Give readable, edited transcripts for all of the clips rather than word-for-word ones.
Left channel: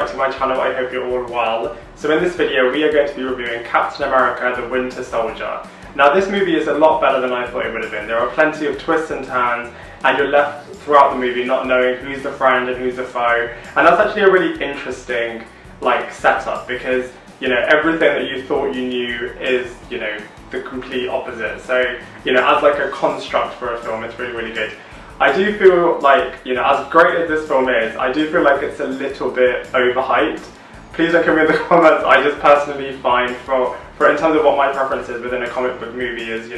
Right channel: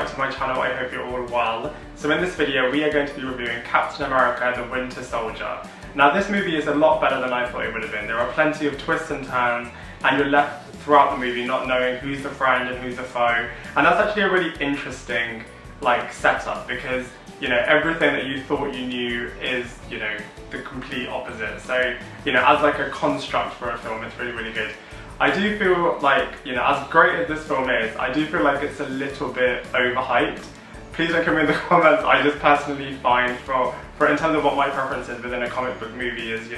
back to my channel. I hope you're all well. So in this video we are going to be reviewing Captain America: The Winter Soldier. Now this movie is a lot better than I thought it would have been. There are plenty of twists and turns and you're left throughout the movie not knowing who's the friend and who's the foe, and that's actually a really interesting setup, because everything that you thought you knew is the complete opposite. So as a construct for a film, it's really good. I do feel as great as this film is, I do feel like it's a little bit overhyped. Please don't come in the comments. I just personally find for in terms of what my preference is within a comic book movie is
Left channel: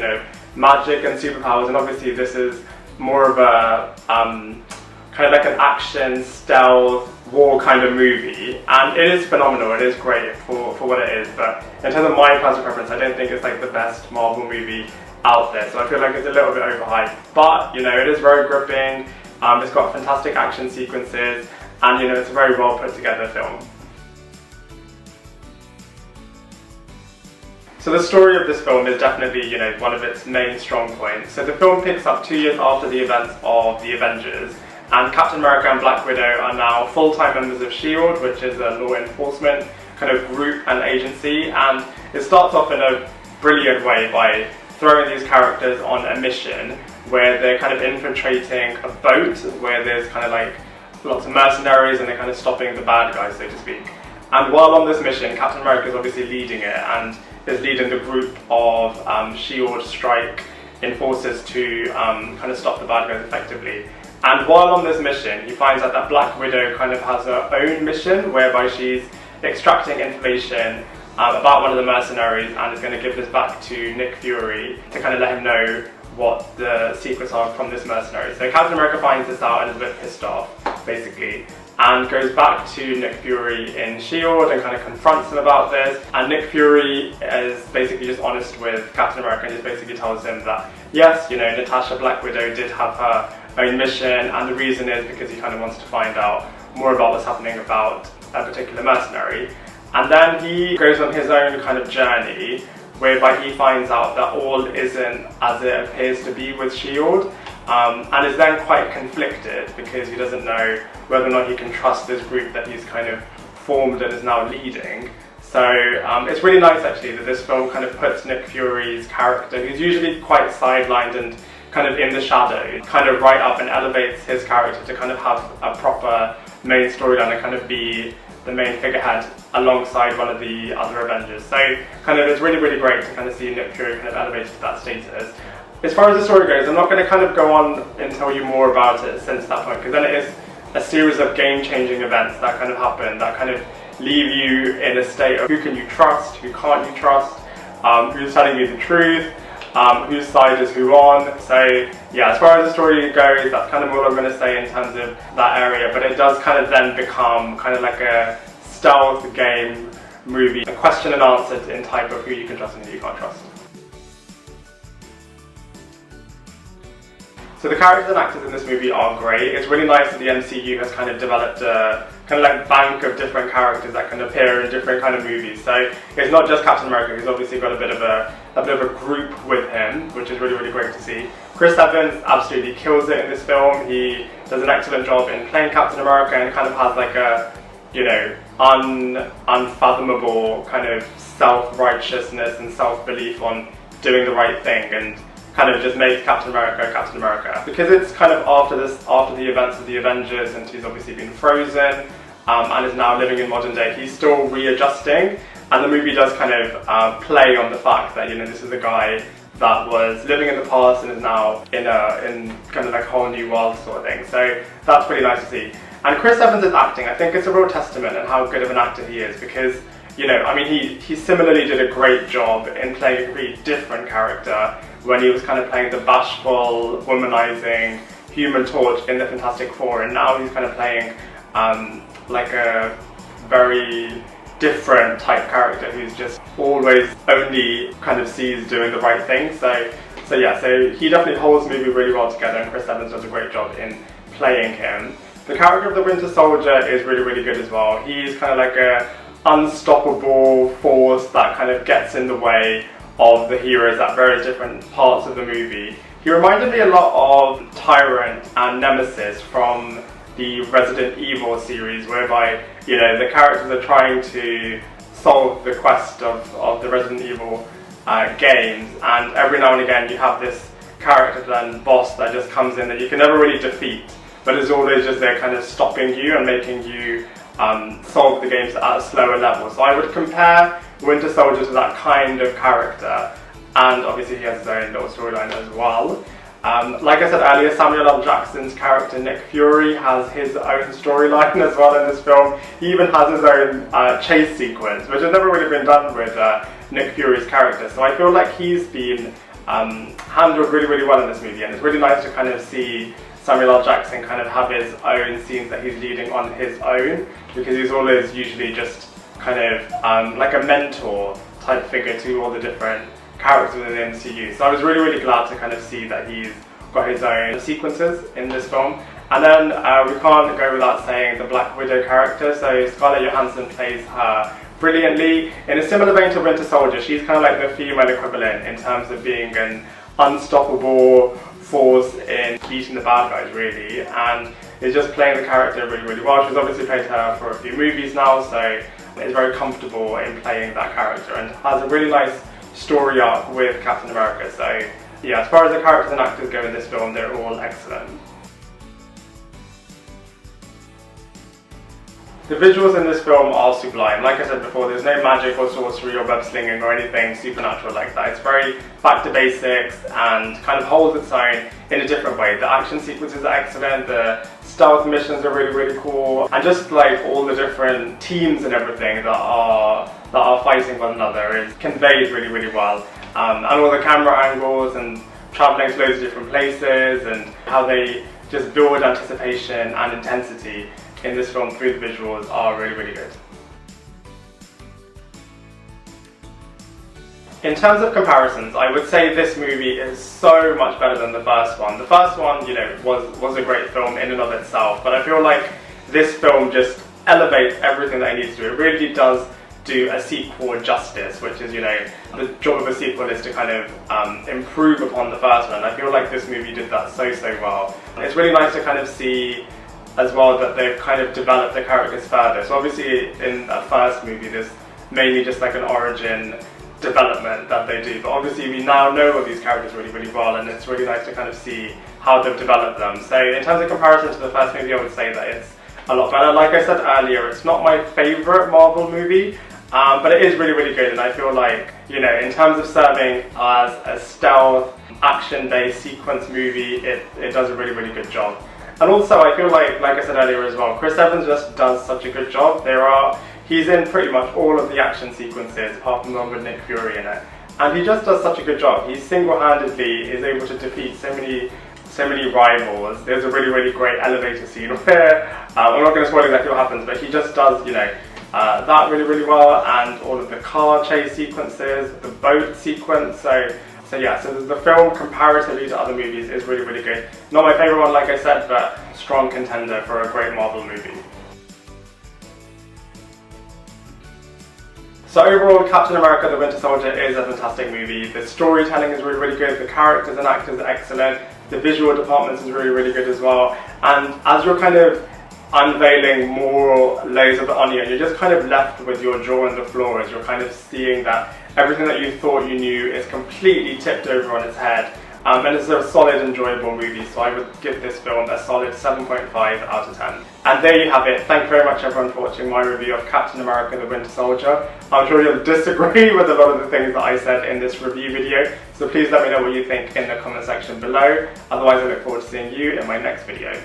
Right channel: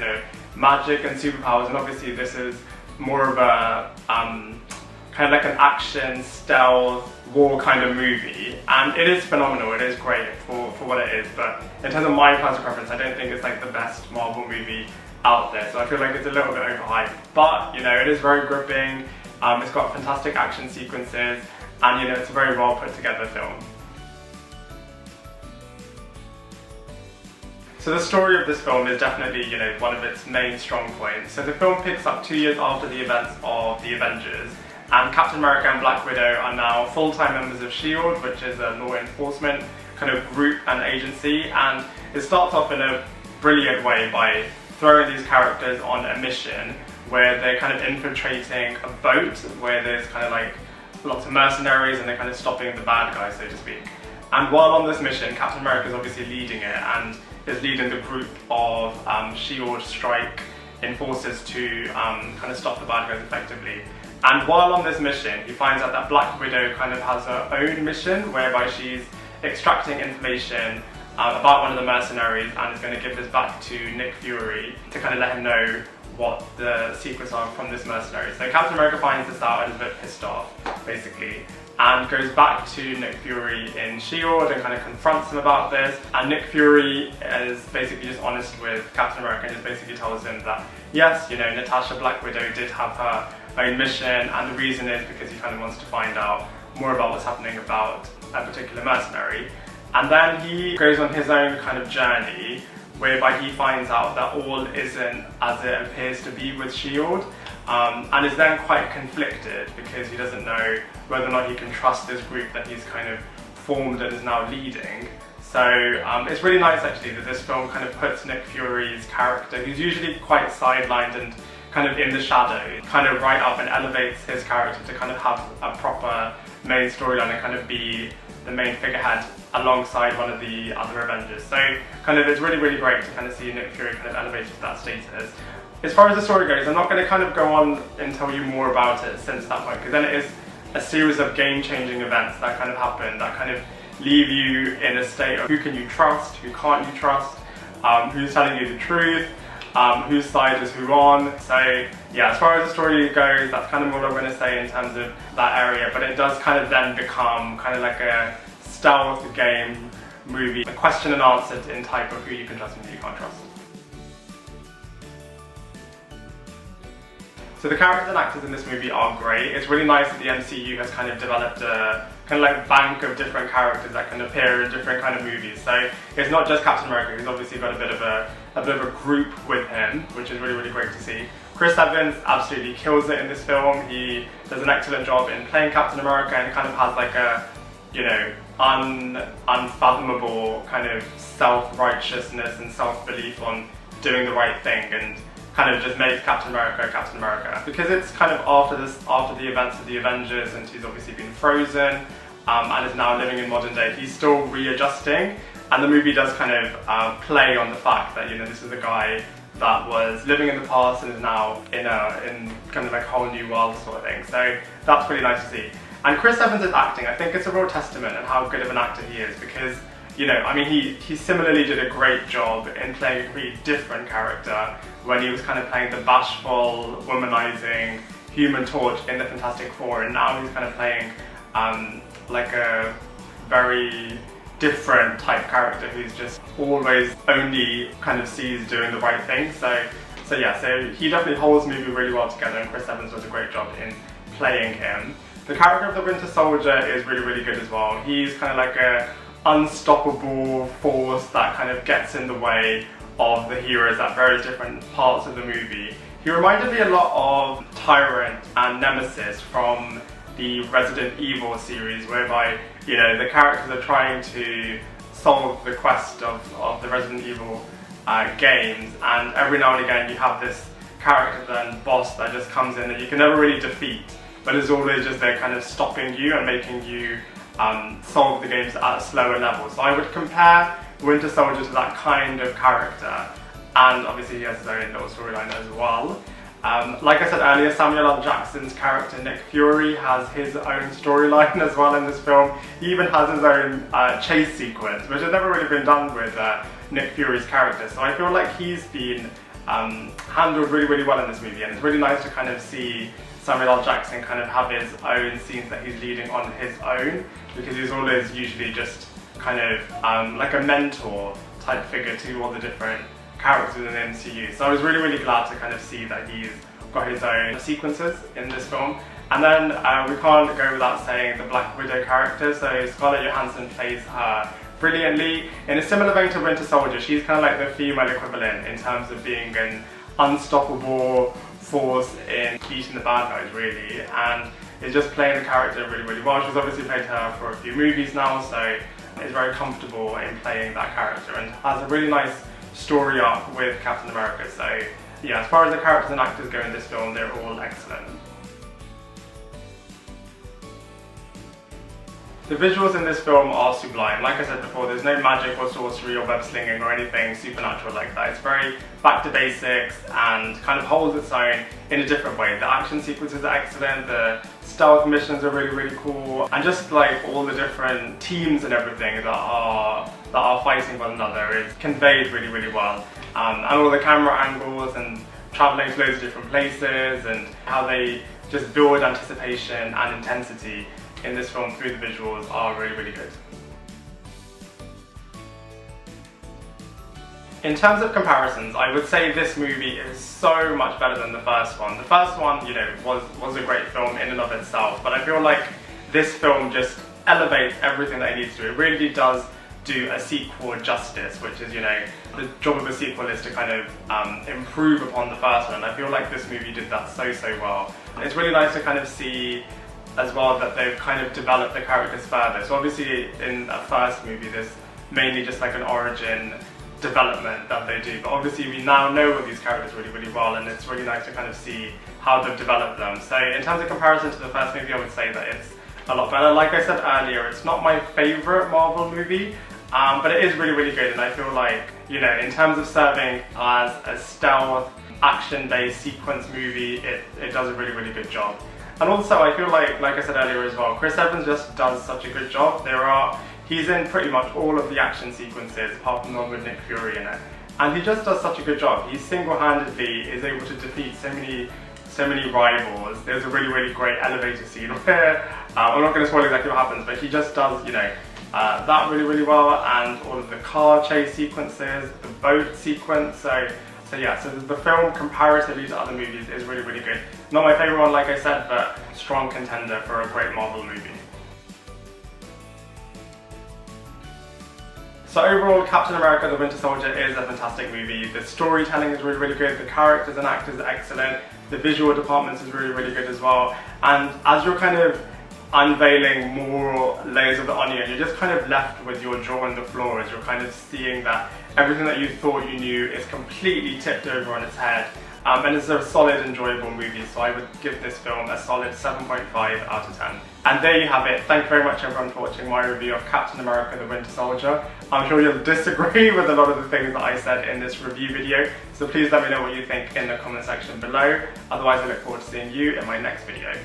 magic and superpowers, and obviously this is more of a kind of like an action stealth war kind of movie, and it is phenomenal. It is great for what it is, but in terms of my personal preference, I don't think it's the best Marvel movie out there, so I feel like it's a little bit overhyped, but it is very gripping. It's got fantastic action sequences, and it's a very well put together film. So the story of this film is definitely one of its main strong points. So the film picks up 2 years after the events of the Avengers, and Captain America and Black Widow are now full-time members of S.H.I.E.L.D., which is a law enforcement kind of group and agency, and it starts off in a brilliant way by throwing these characters on a mission where they're kind of infiltrating a boat where there's kind of lots of mercenaries, and they're kind of stopping the bad guys, so to speak. And while on this mission, Captain America is obviously leading it and is leading the group of S.H.I.E.L.D. strike enforcers to kind of stop the bad guys effectively. And while on this mission, he finds out that Black Widow kind of has her own mission whereby she's extracting information about one of the mercenaries and is going to give this back to Nick Fury to kind of let him know what the secrets are from this mercenary. So Captain America finds this out and is a bit pissed off, basically, and goes back to Nick Fury in S.H.I.E.L.D. and kind of confronts him about this. And Nick Fury is basically just honest with Captain America and just basically tells him that yes, Natasha Black Widow did have her own mission, and the reason is because he kind of wants to find out more about what's happening about a particular mercenary. And then he goes on his own kind of journey whereby he finds out that all isn't as it appears to be with S.H.I.E.L.D. And is then quite conflicted because he doesn't know whether or not he can trust this group that he's kind of formed and is now leading. So it's really nice actually that this film kind of puts Nick Fury's character, who's usually quite sidelined and kind of in the shadows, kind of right up and elevates his character to kind of have a proper main storyline and kind of be the main figurehead alongside one of the other Avengers. So kind of it's really great to kind of see Nick Fury kind of elevated to that status. As far as the story goes, I'm not going to kind of go on and tell you more about it since that point, because then it is a series of game-changing events that kind of happen, that kind of leave you in a state of who can you trust, who can't you trust, who's telling you the truth, whose side is who on. So yeah, as far as the story goes, that's kind of all I'm going to say in terms of that area, but it does kind of then become kind of like a stealth game movie, a question and answer in type of who you can trust and who you can't trust. So the characters and actors in this movie are great. It's really nice that the MCU has kind of developed a kind of bank of different characters that can appear in different kind of movies. So it's not just Captain America, who's obviously got a bit of a group with him, which is really great to see. Chris Evans absolutely kills it in this film. He does an excellent job in playing Captain America and kind of has a unfathomable kind of self-righteousness and self-belief on doing the right thing, and kind of just makes Captain America Captain America. Because it's kind of after the events of the Avengers, and he's obviously been frozen and is now living in modern day, he's still readjusting, and the movie does kind of play on the fact that this is a guy that was living in the past and is now in kind of a whole new world sort of thing. So that's really nice to see. And Chris Evans' acting, I think it's a real testament in how good of an actor he is, because he similarly did a great job in playing a completely different character when he was kind of playing the bashful, womanizing Human Torch in the Fantastic Four, and now he's kind of playing a very different type character who's just always only kind of sees doing the right thing. So he definitely holds the movie really well together, and Chris Evans does a great job in playing him. The character of the Winter Soldier is really good as well. He's kind of like a unstoppable force that kind of gets in the way of the heroes at various different parts of the movie. He reminded me a lot of Tyrant and Nemesis from the Resident Evil series, whereby, you know, the characters are trying to solve the quest of the Resident Evil games, and every now and again you have this character then boss that just comes in that you can never really defeat, but is always just there kind of stopping you and making you solve the games at a slower level. So I would compare Winter Soldier to that kind of character, and obviously he has his own little storyline as well. Like I said earlier, Samuel L. Jackson's character Nick Fury has his own storyline as well in this film. He even has his own chase sequence, which has never really been done with Nick Fury's character. So I feel like he's been handled really, really well in this movie, and it's really nice to kind of see Samuel L. Jackson kind of have his own scenes that he's leading on his own, because he's always usually just kind of like a mentor type figure to all the different characters within the MCU. So I was really, really glad to kind of see that he's got his own sequences in this film. And then we can't go without saying the Black Widow character. So Scarlett Johansson plays her brilliantly. In a similar vein to Winter Soldier, she's kind of like the female equivalent in terms of being an unstoppable force in beating the bad guys, really, and is just playing the character really, really well. She's obviously played her for a few movies now, so is very comfortable in playing that character and has a really nice story arc with Captain America. So yeah, as far as the characters and actors go in this film, they're all excellent. The visuals in this film are sublime. Like I said before, there's no magic or sorcery or web slinging or anything supernatural like that. It's very back to basics and kind of holds its own in a different way. The action sequences are excellent, the stealth missions are really, really cool, and just like all the different teams and everything that are fighting one another is conveyed really, really well. And all the camera angles and traveling to loads of different places and how they just build anticipation and intensity in this film through the visuals are really, really good. In terms of comparisons, I would say this movie is so much better than the first one. The first one, you know, was a great film in and of itself, but I feel like this film just elevates everything that it needs to do. It really does do a sequel justice, which is, you know, the job of a sequel is to kind of improve upon the first one. I feel like this movie did that so well. It's really nice to kind of see as well that they've kind of developed the characters further. So obviously in that first movie there's mainly just like an origin development that they do, but obviously we now know all these characters really, really well, and it's really nice to kind of see how they've developed them. So in terms of comparison to the first movie, I would say that it's a lot better. Like I said earlier, it's not my favourite Marvel movie, but it is really, really good, and I feel like, you know, in terms of serving as a stealth, action-based sequence movie, it does a really, really good job. And also I feel like I said earlier as well, Chris Evans just does such a good job. He's in pretty much all of the action sequences, apart from the one with Nick Fury in it. And he just does such a good job. He single-handedly is able to defeat so many rivals. There's a really, really great elevator scene where, I'm not going to spoil exactly what happens, but he just does, you know, that really, really well, and all of the car chase sequences, the boat sequence. So yeah, so the film comparatively to other movies is really, really good. Not my favourite one, like I said, but strong contender for a great Marvel movie. So overall, Captain America the Winter Soldier is a fantastic movie. The storytelling is really, really good, the characters and actors are excellent, the visual department is really, really good as well, and as you're kind of unveiling more layers of the onion, you're just kind of left with your jaw on the floor as you're kind of seeing that everything that you thought you knew is completely tipped over on its head. And it's a solid, enjoyable movie, so I would give this film a solid 7.5 out of 10. And there you have it. Thank you very much everyone for watching my review of Captain America the Winter Soldier. I'm sure you'll disagree with a lot of the things that I said in this review video, so please let me know what you think in the comment section below. Otherwise I look forward to seeing you in my next video.